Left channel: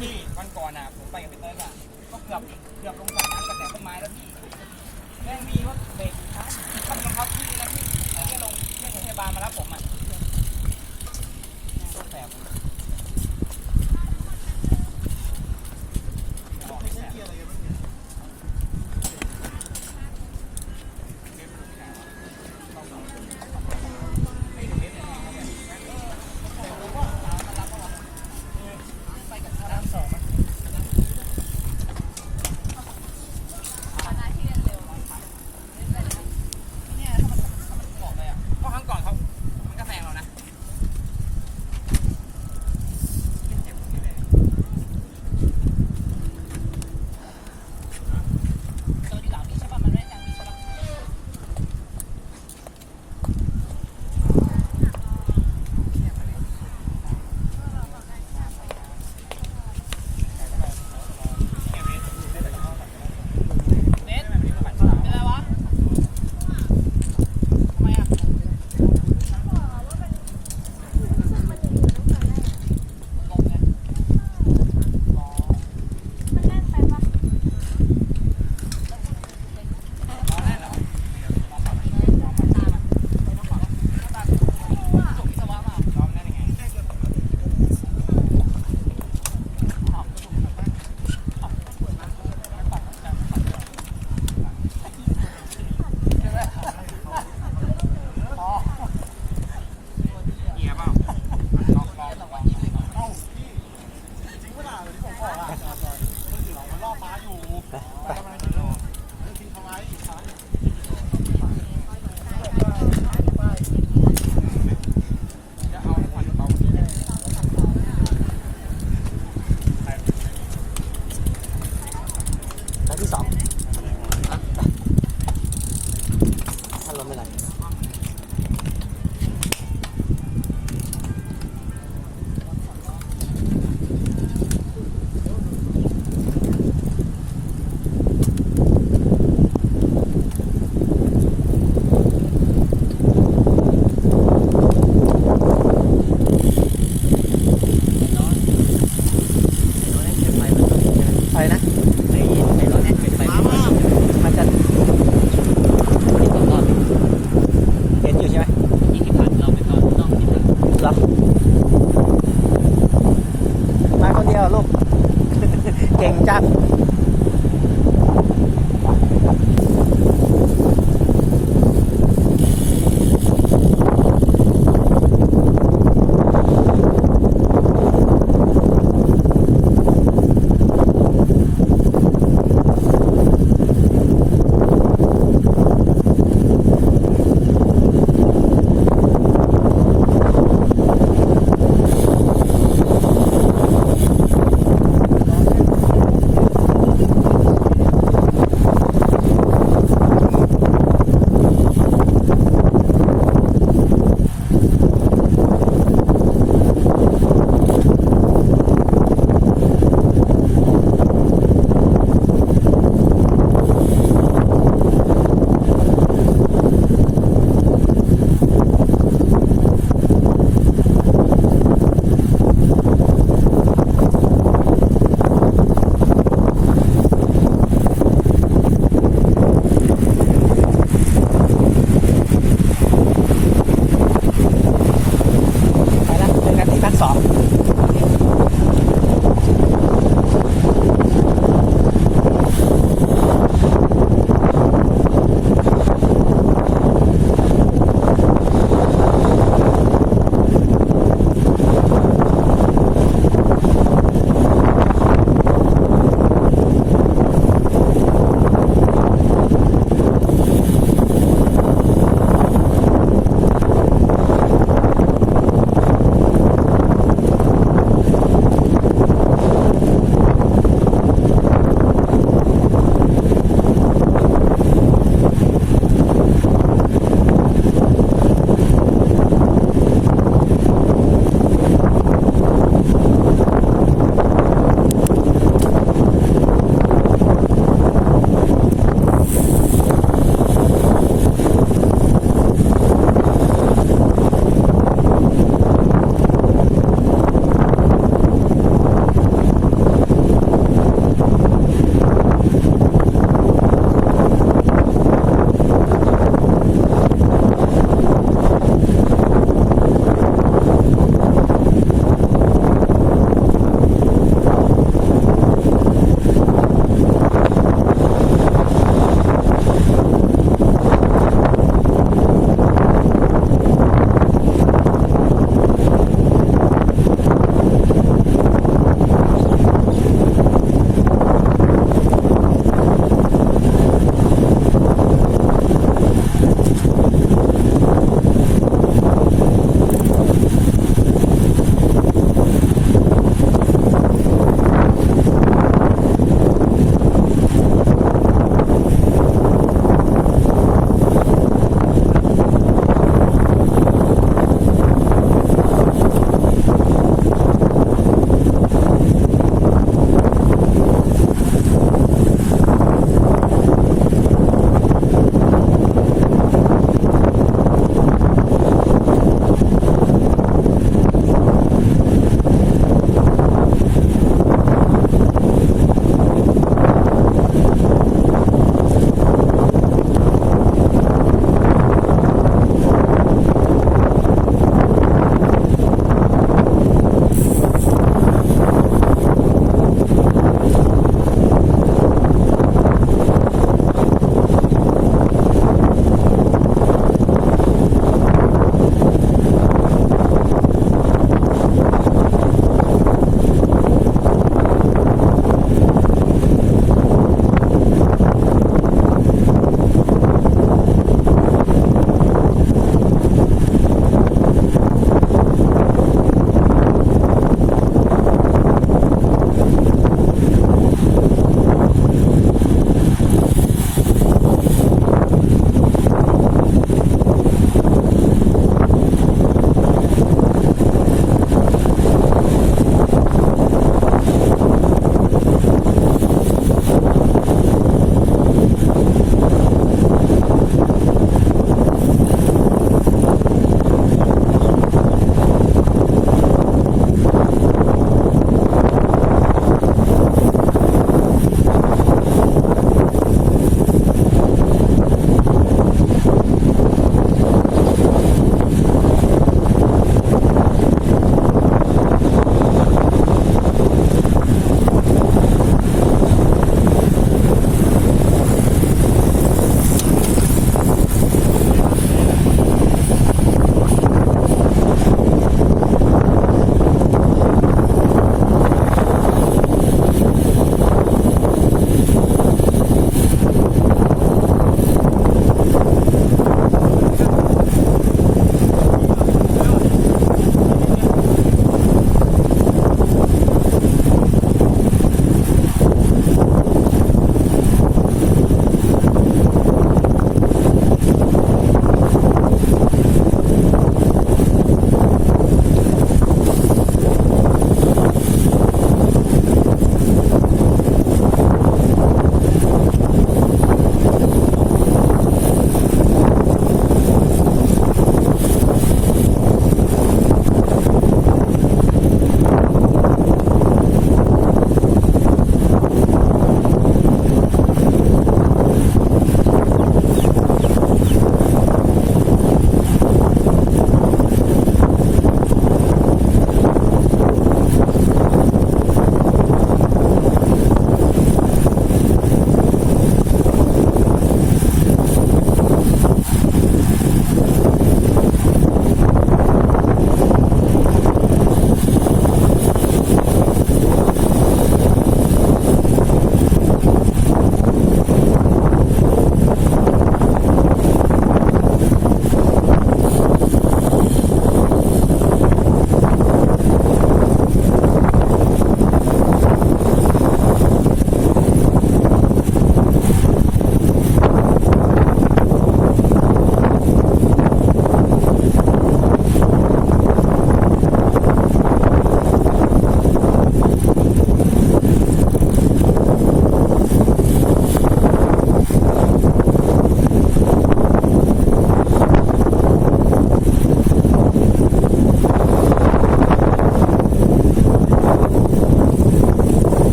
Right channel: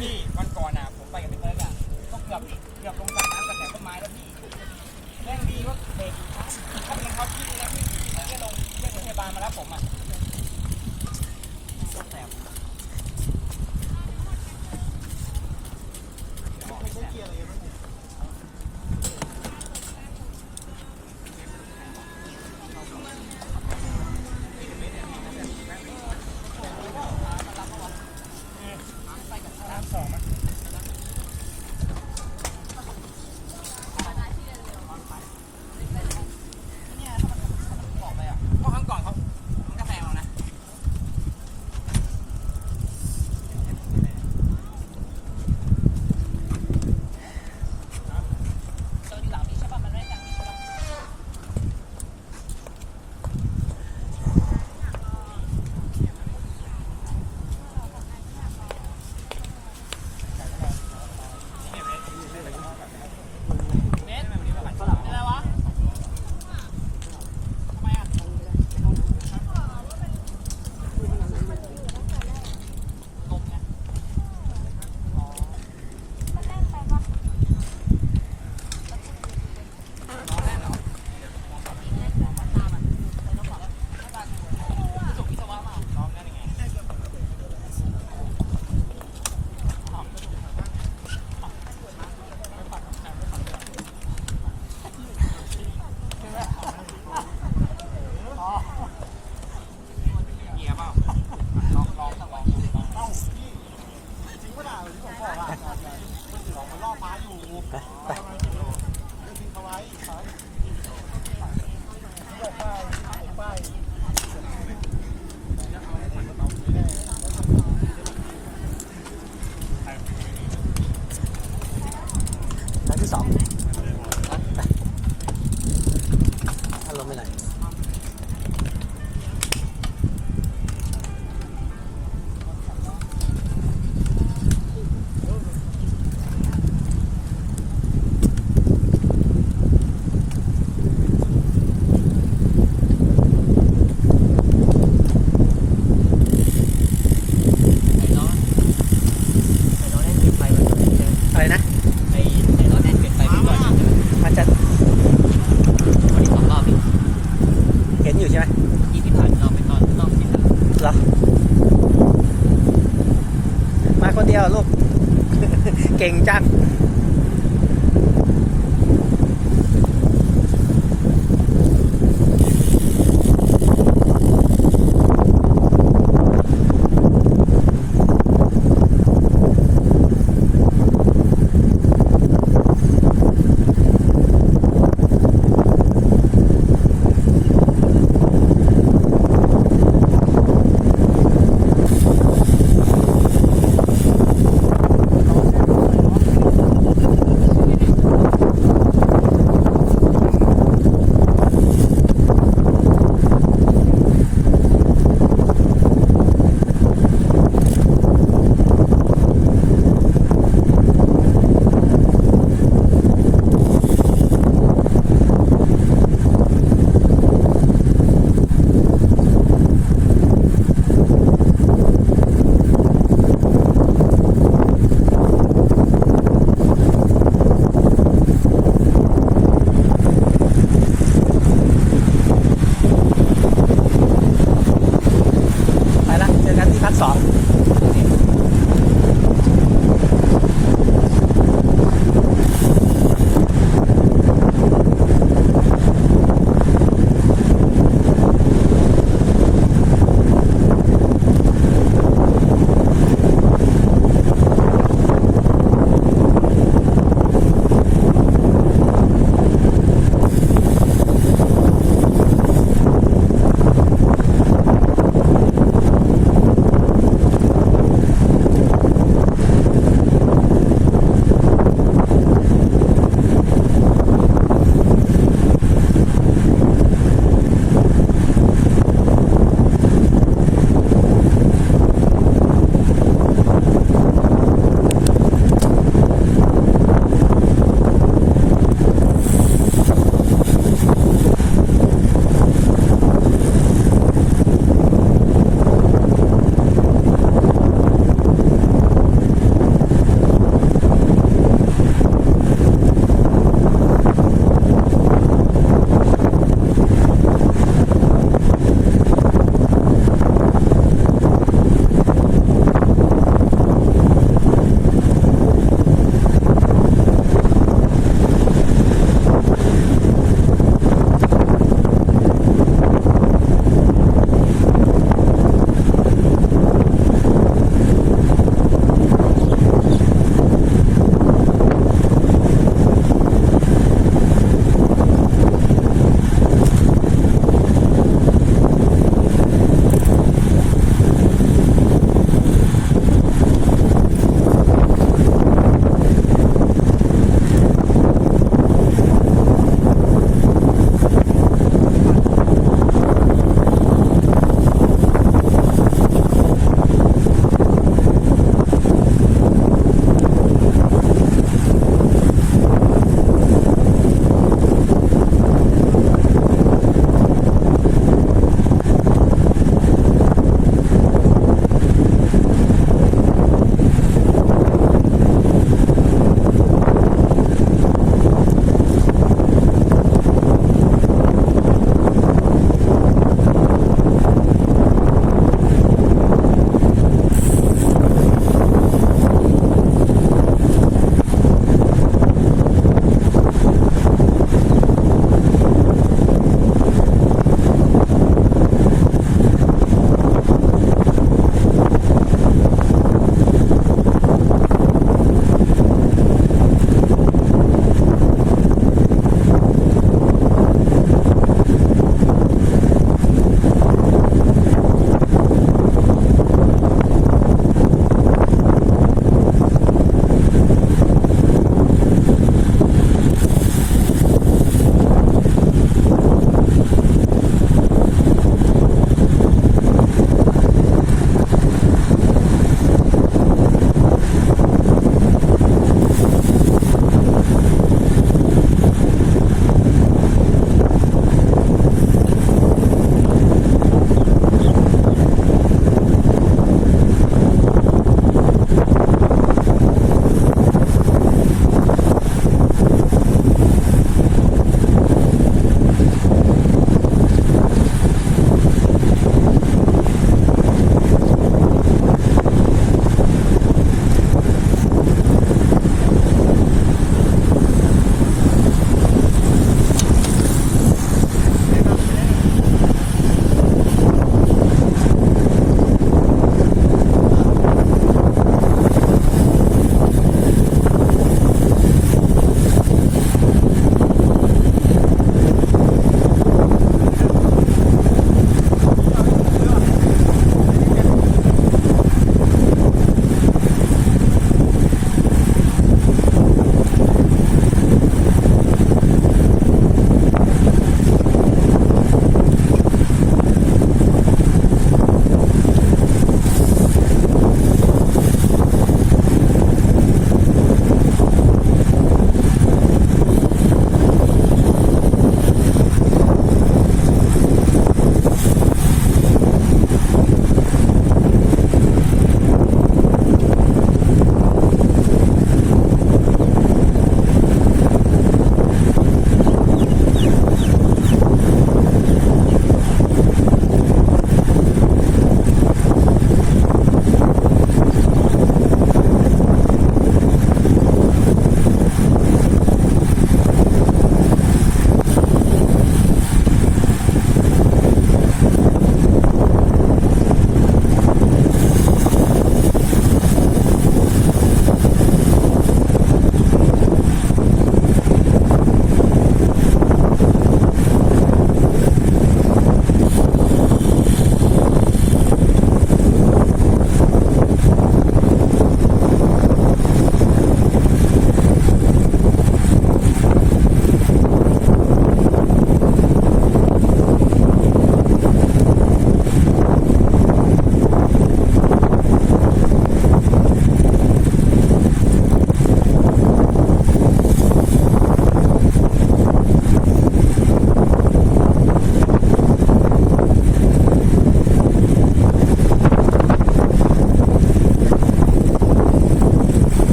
พี่วันก่อนอ่ะผมไปกับพี่เต้อ่ะก็เกือบลงจากน้ำกับแถวต้นไม้แล้วพี่แม่งดีว่าเบรกทันถ้าเป็นรองเท้าพี่นะพี่แล้วก็ลงเรียกพยาบาลมารับผมอ่ะแสบที่สองถ้าลมไม่ไหลอะไรนะมันจะเห็นอยู่ใช่ไหมที่ผ่านเราไปตอนต้องที่เหรอมาคนเดียวลูก เก่งจัง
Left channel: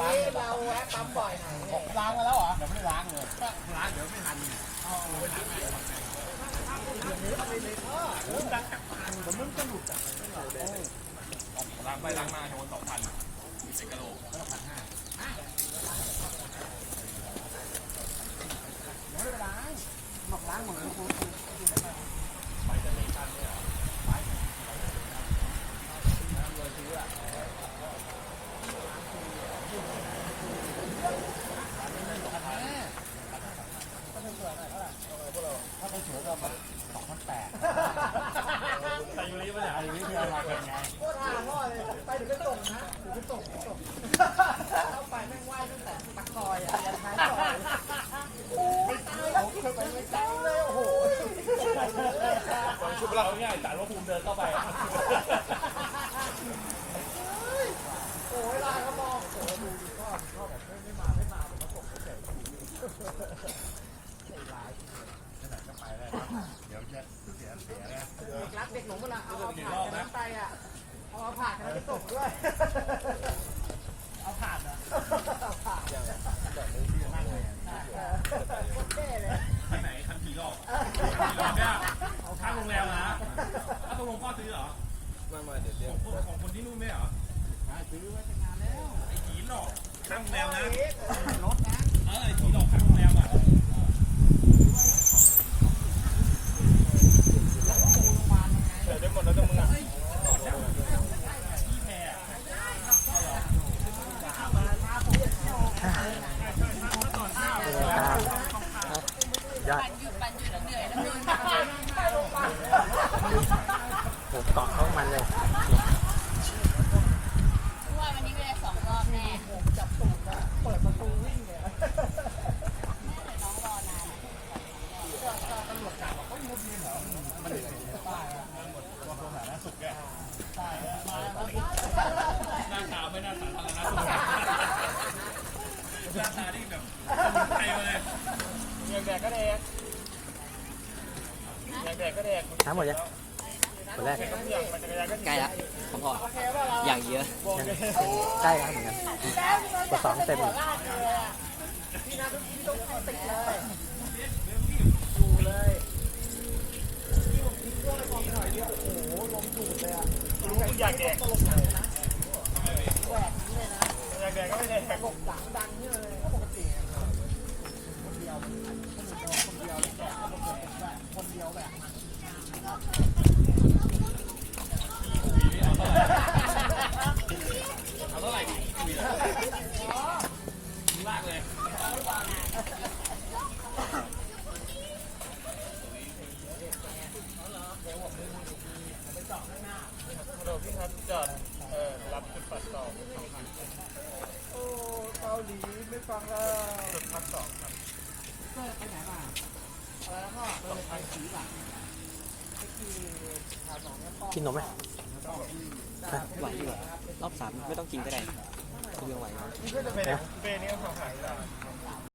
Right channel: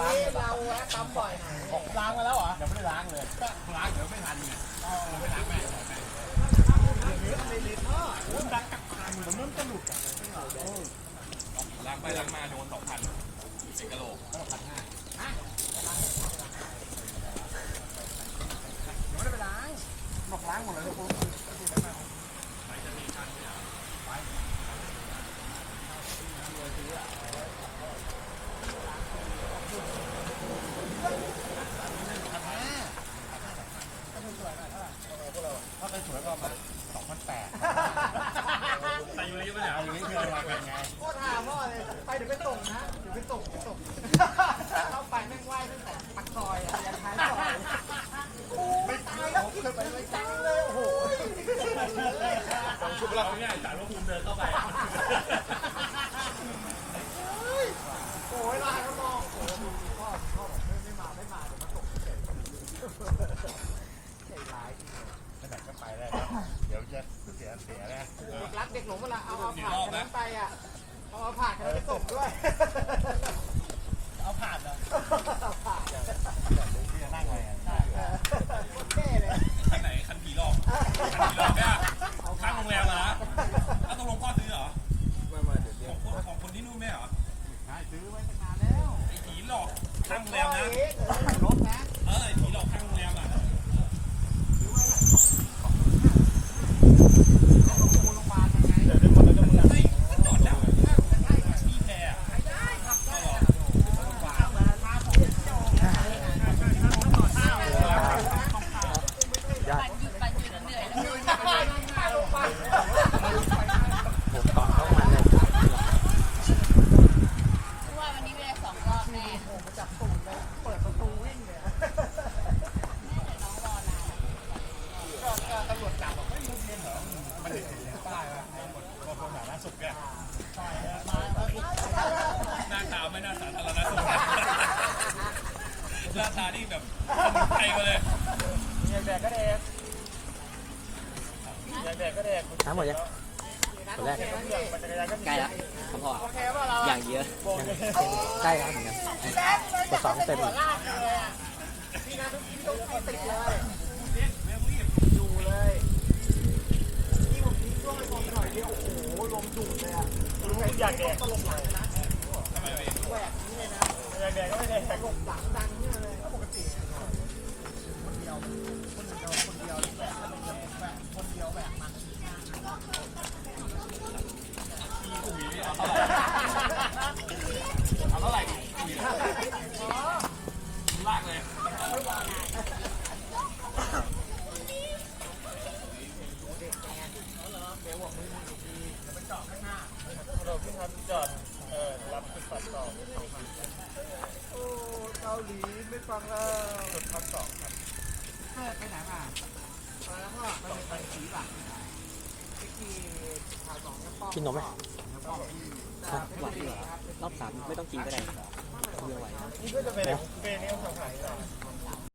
นี้เราแวะปั๊มบ่อยหน่อยล้างมาแล้วเหรอยังไม่ได้ล้างเลยล้างเดี๋ยวไม่ทันล้างไปล้างมาโดน2,000เป็นกะโหลกไม่ได้ล้างบอกล้างหมดเลยคุณถ้าไปสวยก็แบบ2,800ไปเยอะๆอย่างนี้เพื่อนมาเป็นไงโคตรหาพ่อเลยไปเดี๋ยวไปส่งนะเดี๋ยวไปส่งเข้าไปแม่งไหว้ตั้งแต่ปากซอยอ่ะยันท้ายซอยโอ้ยตายแล้วคิดไปเลยจังเลยโอ้โหชุบเราเนี่ยจ่ายว่าภูมิเดินเข้าไปโอ้ยลายเขามองโอ้ดูดิพ่อแบบไม่มาเดี๋ยวมาส่งเฉยใจร้ายไปไหนก็ไปได้เดี๋ยวจะเสียนะรักเด็กหลงเวลาเอาผ่านนั้นไปอ่ะเอาผ่านไปส่งด้วยเอาผ่านเหรอผ่านแบบนี้ที่จะนั่งไงแก่เลยที่ไหนคันผีหลอกเนี่ยข้างโรงแรมนะถ้าตกลงพ่อซื้อเหรอไม่เดี๋ยวของคนที่นู่นไม่เหรอใช่ซื้อไว้ตั้งนานแล้วไอ้ผีหลอกข้างโรงแรมเนี่ยรถนะไอ้ผีหลอกข้างโรงแรมอ่ะเดี๋ยวเป็นหมดแล้วจะมึงยอดผมเกาะเข้ามันเลยว่าวันนี้ไม่ได้2 รอบแน่ผมจับตูดนะเปิดประตูวิ่งเลยแม่แต่น้องรอนานก็ตำรวจจับบอกว่ามุดเย็นเหรอมันเด็กป้ายเราสถานะสุดแก่ใช่หน้าตาไม่น่าสาธารณสุขหน้าตานี่แบบไปเลยแดกก็แดกก็แดกน้ำหมดยังคนแรกใกล้ละผมพออย่างเยอะใกล้แล้วเหมือนกันกด2 เต็มพี่นะต้องติดเลยอยู่เลยที่ผมทิ้งช่วงไปตอนหน่อยเดียวโอ้โหลมดูดเลยอ่ะอยากแดกตลกหลังนะแหวกนี้เลยนะอยากแดกก็ไม่ได้ตลกหลังดังนี่เลยก็ปกติคนเดียวแบกคนเดียวแบกมันเอาเท่าไหร่ดิลากเลยเราเพิ่งทำจอดรับจุดปัดต่อโอ้เกาหลีไม่ฟังแล้วจุดปัดต่อครับไปไหนมาแล้วก็ไปสีหลังกินนมไหมไหวเหรอรอบ3ไม่ต้องกินก็ได้เยอะไหวนี่ก็จะเป็นนี่ก็ของขายได้